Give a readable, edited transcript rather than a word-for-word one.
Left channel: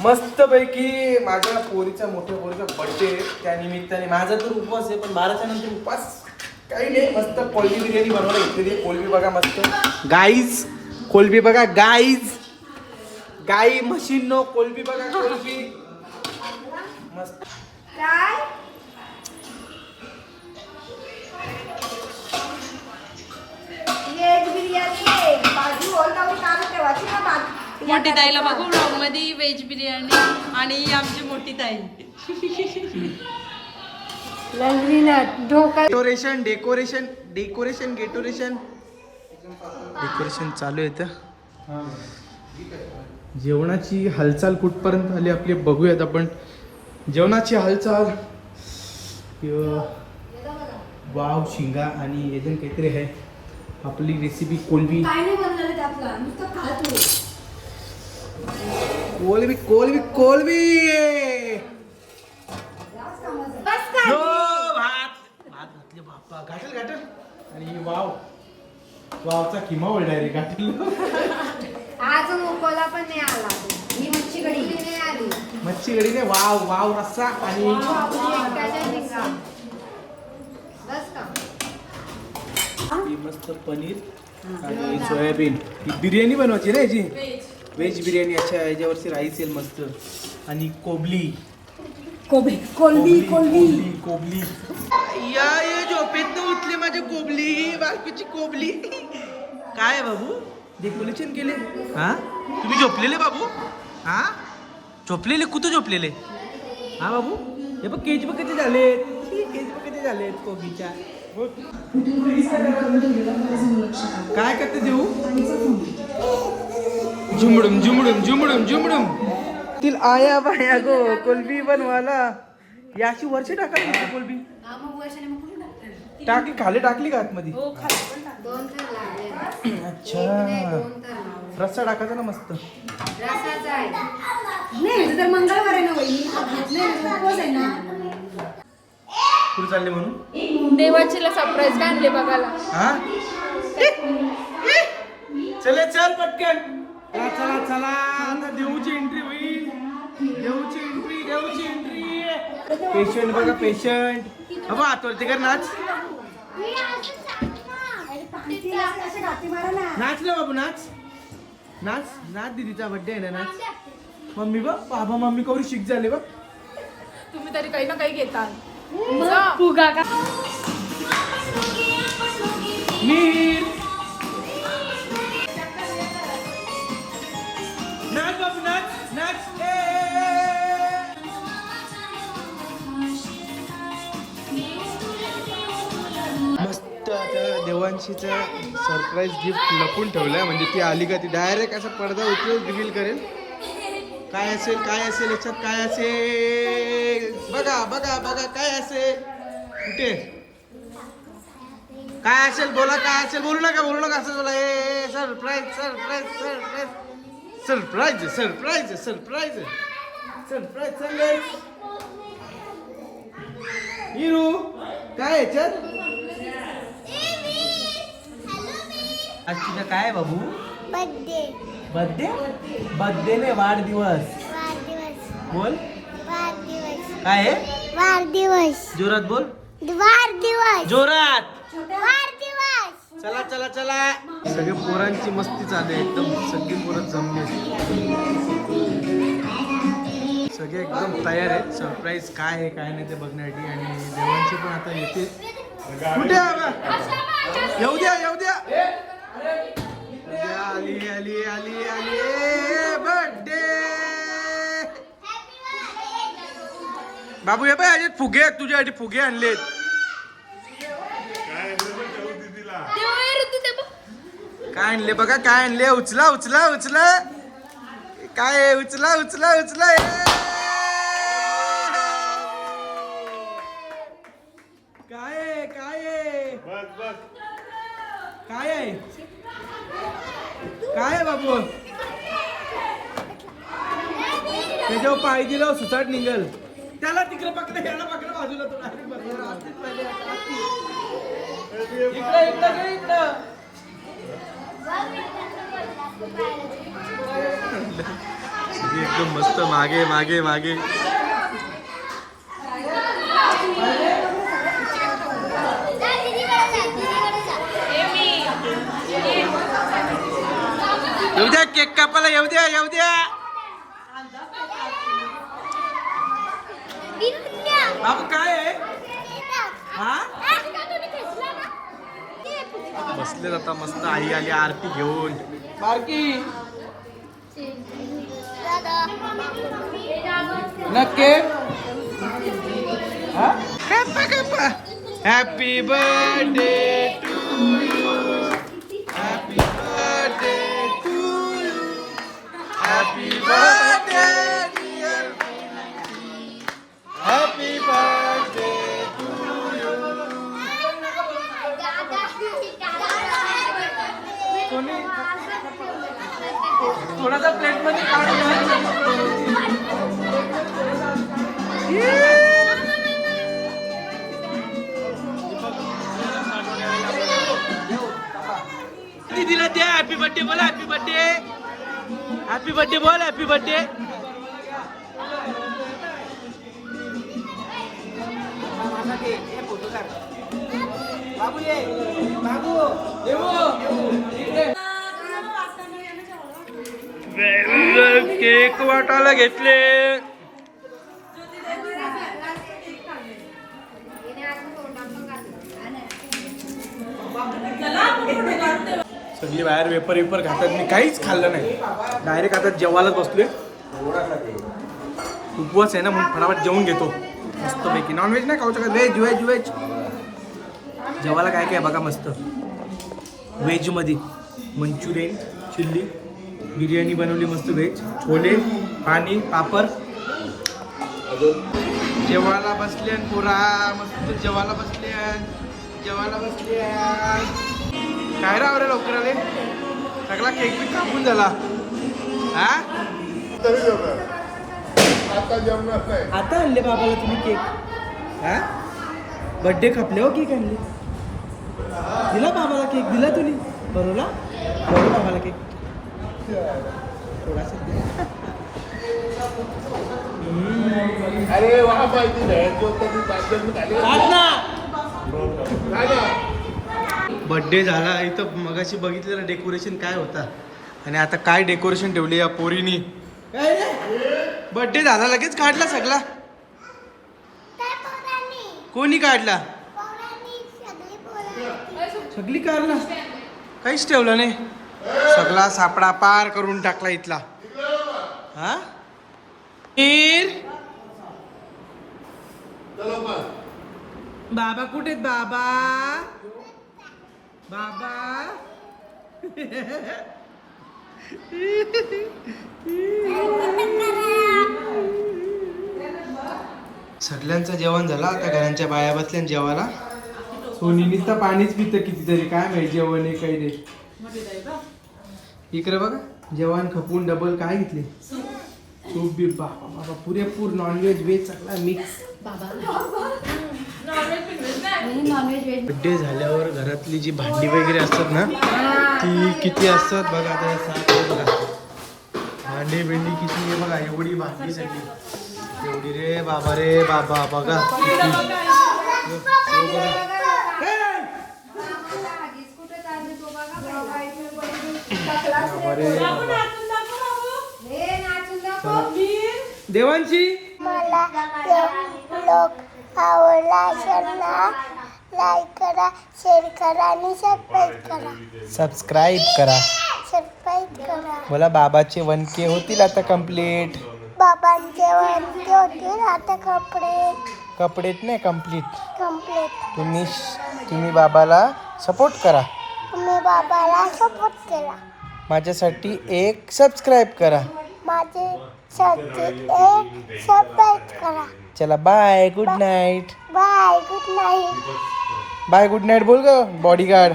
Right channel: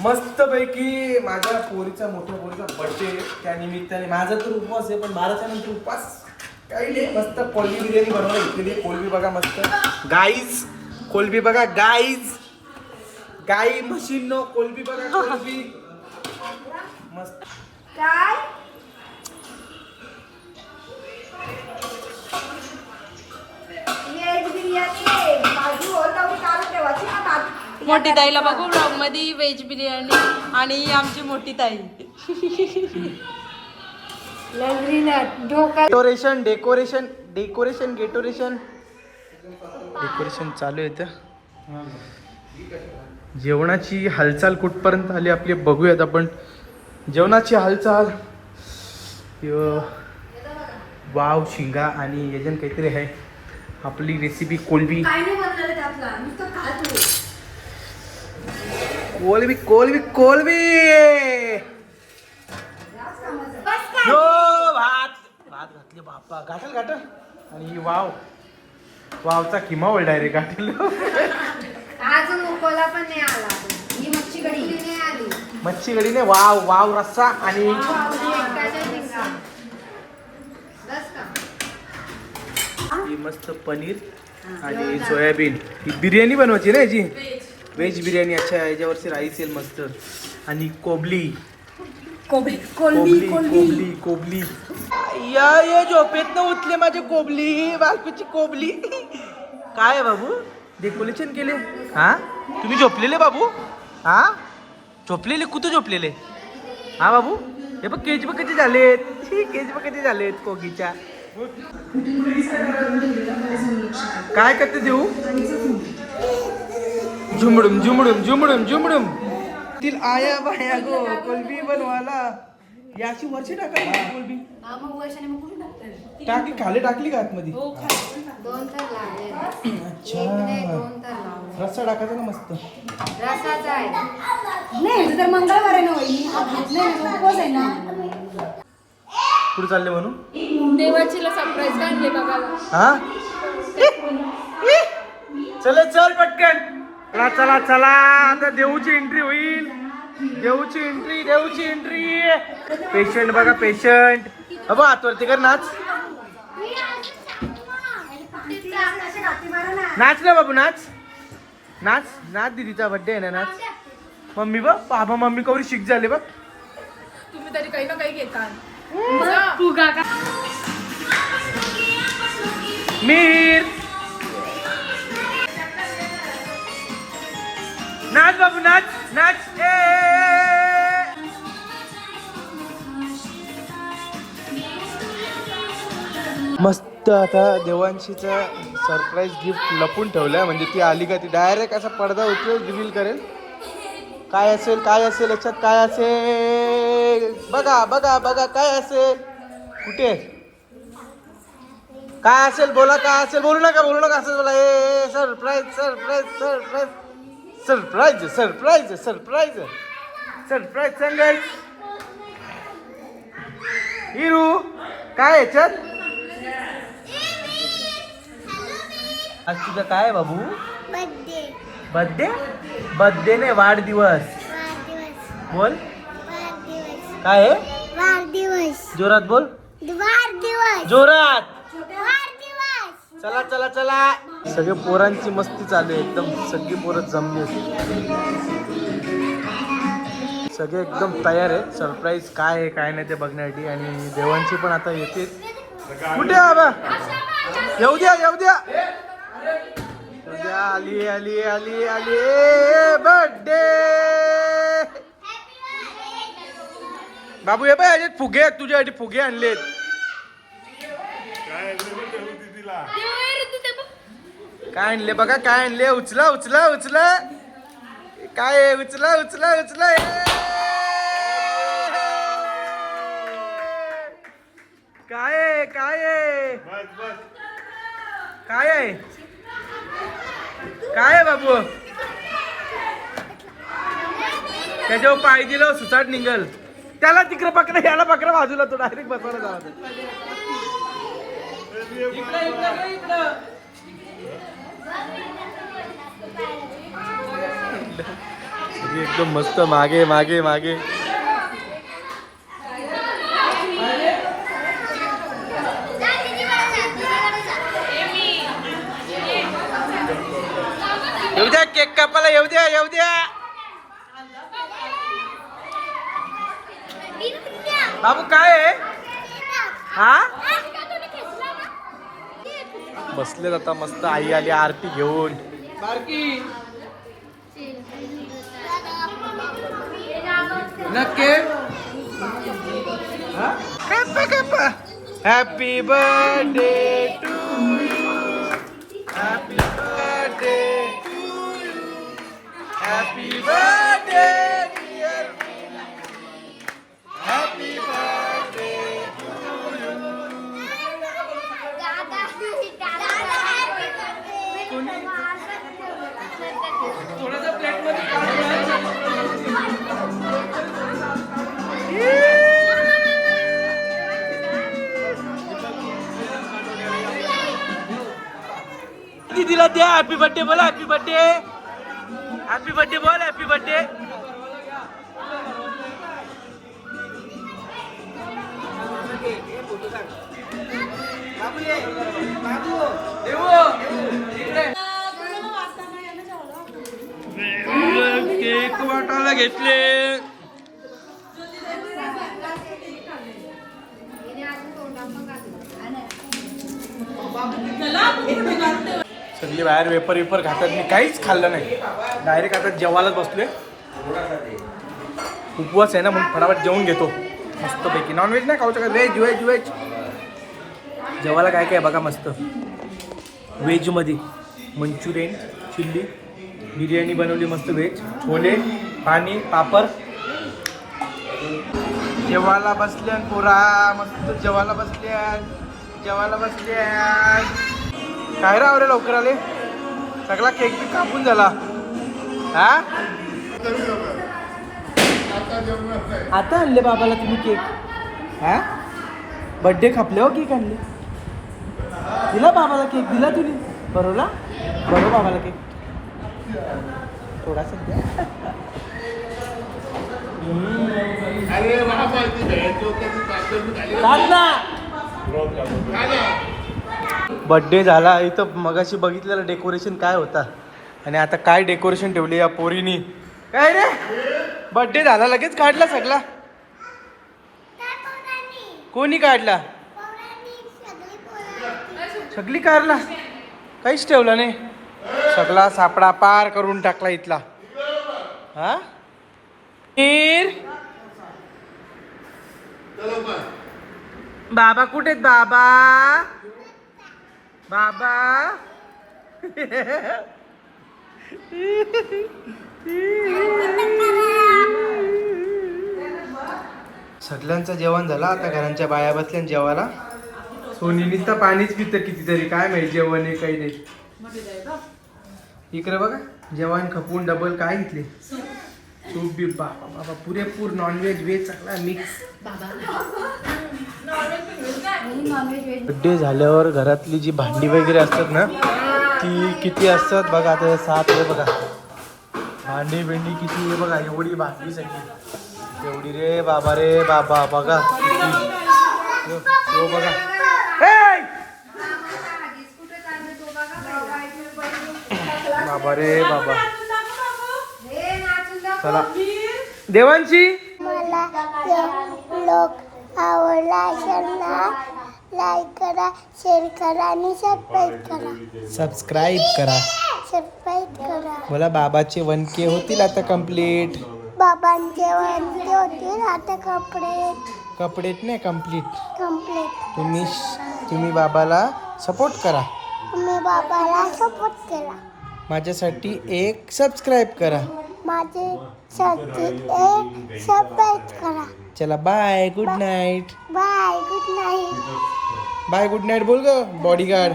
मस्त पैकी माझ्या पोरीचा मोठ्या पोरीचा बर्थडे त्या निमित्ताने माझा तर उपवास आहे, पण 12च्या नंतर उपवास काही नाही. मस्त कोलबी बिर्याणी बनवायला घेतलेली आहे. कोलबी बघा मस्त गाईज, कोलबी बघा गाईज, गाई म्हशीन नो कोलबी बघा कोलबी मस्त. काय व्हेज बिर्याणी भाजी होल काढून ठेवायची ना भाजी. मोठी ताईला बघू ब्लॉग मध्ये व्हेज बिर्याणी आणि आमची मोठी ताई. डेकोरेशन डेकोरेशन डेकोरेशन गेटोरेशन डेकोरेशन चालू आहे इथं. जेवणाची हालचाल कुठपर्यंत आली आपली बघूयात आपण. जेवणाची हालचाल वाव शिंगा आणि याच्यात काहीतरी आहे. आपली रेसिपी कोलबी कोलबी कोलबी कोलबी हो भात भात घातले बाप्पा घाटल घाटल. आणि वाव वावचा किमा होईल डायरेक्ट घाटल. अजून उकळला पण नाही आला. ही मच्छी कढी नाही आली. मच्छी कढी नाही. वाव वाव रस्सा आणि ही मस्त पनीर आणि सोयाबीन. ही बिर्याणी बनवायची ना याची व्हेज बिर्याणी. अच्छा याच्यावरची राईस येईल मस्त. आणि कोबली कोबी कोबली कोबली कोबली या ये झोपेत न उठले माझे कोबली बायकोची कोबली. काय बाबू डेकोरेशन केले हा तुम्ही झोपलेले बाबू हा झोपलेले कुठं झोपलेले हा बाबू. हे बघ केज बघ कधी झालेत केज बघ कधी झालेत कोबीच्या. काय करते देऊ झुमडुम झुमडुम झुमडुम झुमडुम. तील आया बाया गो कोलबी बनवाला. याची वर्षी टाका कोलबी टाकली खाली टाकली का आतमध्ये. अच्छा रस्सा टाकायचा ना मस्त. तर मंगळवार आहे ना. कुठे चालले म्हणून देवाचीला सरप्राईज आणले बघायला. हा चले चल पटकन चला चला चला. आता देऊची एंट्री होईल. देऊची एंट्री देऊची एंट्री. पेशंट बघा पेशंट. अबा हातवरती कर नाच नाच ना बाबू नाच नाच नाच. दीदीचा बर्थडे आहे ना नाच. मम्मी बघ बाबा मम्मी कवरी शिक झाले बघ. तुम्ही तरी काही ना काही घेता फुगा का मीर नाच बाबू नाच नाच. मस्त आता देवांशीचा सरप्राईज गिफ्ट लपून ठेवलाय. म्हणजे ती आली का ती डायरेक्ट असा पडदा उचलून रिव्हील करेल. काय असेल काय असेल याच्यात काय असेल बघा बघा बघा काय असेल कुठे काय असेल बोला. काय असेल बोलू नका असं बोला. ए surprise surprise surprise surprise surprise surprise surprise सांगाय. हिरू काय याच्यात आज तुझा काय बाबू बर्थडे बर्थडे बर्थडे नाही वाढदिवस बोल. काय आहे वाढदिवस जोरात बोल. वाढदिवस जोरात. वाढदिवस. चला चला चला. सगळे पोरांची मस्ती चालू आहे एकदम. सगळी पोरं जमली सगळे एकदम तयार आहेत. सरप्राईज काय आहे काय नाही ते बघण्यासाठी. आणि देवांची पण आता येते. कुठे बाबा येऊ द्या येऊ द्या. आली आली आली आली बर्थडे बाबू. हे बाय याच्यात फुगे आहेत तुझ्यासाठी. फुगे आणलेत. काय आणले बघा काय आणले. उचला उचला उचला. काय आहे उचला उचला उचला. काय आहे काय आहे काय आहे काय आहे बाबू. त्याच्यावर पाय दिलं सुसाट निघल. त्याला तिकडे पकडा याला पकडा बाजूला. तो डायरेक्ट बसवला. इकडे इकडे इकडं एकदम मस्त मागे मागे मागे. येऊ द्या केक कापायला, येऊ द्या येऊ द्या. बाबू काय आहे हा? बसले आता मस्त. आई आली आरती घेऊन. नक्की happy birthday to you. Happy birthday to you. Happy birthday dear. Happy birthday to you. थोडासा प्लेट मध्ये दीदीला द्या. हॅपी बर्थडे बोला. Happy birthday. हॅपी बर्थडे बोल. Happy birthday. केक वाटायला घेतले. सगळी बाहेर वेपर वेपर खातात. मी काहीच खाल्लं नाही. डायरेक्ट आता जेवायलाच बसलोय. उपवास आहे ना म्हणून फटाफट जेवून घेतो मस्तपैकी. नॉनव्हेज नाही खाऊचं का? Veg veg veg. जेवायला काय काय बघा मस्त. व्हेजमध्ये मंचुरियन, चिल्ली, बिर्याणी बनवली मस्त व्हेज, छोले, पाणी, पापड. जेवायला बसल्यान पोरा मस्त. जेवायला बसल्यान. जेवायला बसल्यान. काय राव रे लवकर आले. सगळा केक बी कापून झाला. हा आता आणले बाबाला तुम्ही केक? हा बर्थडे खपले हो केक आणले. दिला बाबाला केक. दिला तुम्ही बरोबर. बरोबर बाबाला केक थोडासा द्या. बर्थडे झाला. इथं मगाशी बघितलेलं डेकोरेशन काय होता आणि आता काय डेकोरेशन ठेवले या पोरीनी. काय रे बर्थडे झाला लगेच काढला सगळा? कोणी काढला? सगळी काढला. काहीच ठेवलं नाही. सगळा सापडा पार करून टाकला इथला. हा बाबा कुठे आहेत? बाबा बाबा सगळ्यांचं जेवण झालं. आता घरांच्या बाया बसल्या जेवायला. सोनी तर पाणीच पितं कितीतरी. काय माहिती जेवण आहे काही नाही. इकडे बघा जेवण खपून डबल काय घेतले. सूप बी बाबा बाबा पुरेपूर. नॉनव्हेज व्हेज सगळा मिक्स. बड्डे झाल्यावर घरातली जी भांडी वगैरे असतात ना ती किती असतात बघा. आता 7 आहे बघा. भांडी भेंडी किती आहे बघा. एवढी भांडी सगळी एवढी रे बाबा रे बाबा. बघा किती बघा. बाबा रे बाबा. चला देवांची. मला लोक आवडला असेल ना लाईक करा, शेअर करा आणि सबस्क्राईब करा. मला बाबाचे 1K होतील आता कंप्लीट. बाबांचे वंते होतील आता कपडेट नाही कंप्लीट. कंप्लीट. तुम्ही बाबाला सपोर्ट करा. तुम्ही बाबाला सपोर्ट केला. माझ्यासाठी एक सबस्क्राईब करा. माझ्यासाठी एक सबस्क्राईब करा. चला bye. Good night. Bye. Good night. Bye good night बोल ग बॉडीगार्ड.